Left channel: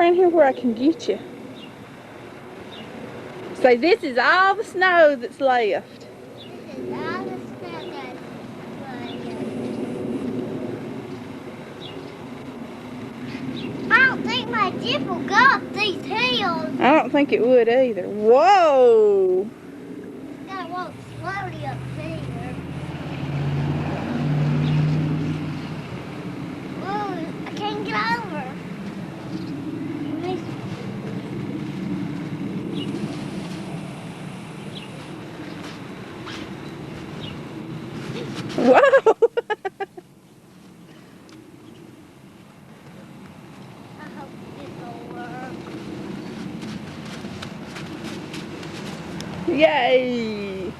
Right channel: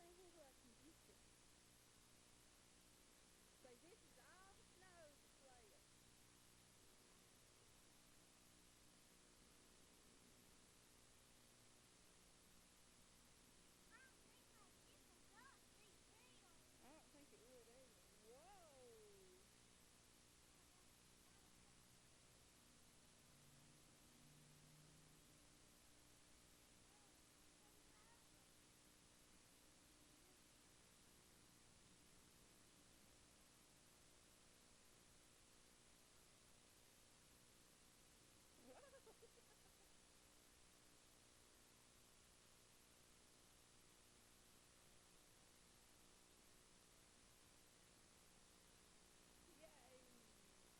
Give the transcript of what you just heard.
around here where I can get you. So this is all the snow that's left. This is all the stuff that's I don't think my Jeep will go up these hills. I don't think it would either. Whoa! Gotta walk slowly up here. Whoa, I can't get over. Whoa! I hope this will work. Yay!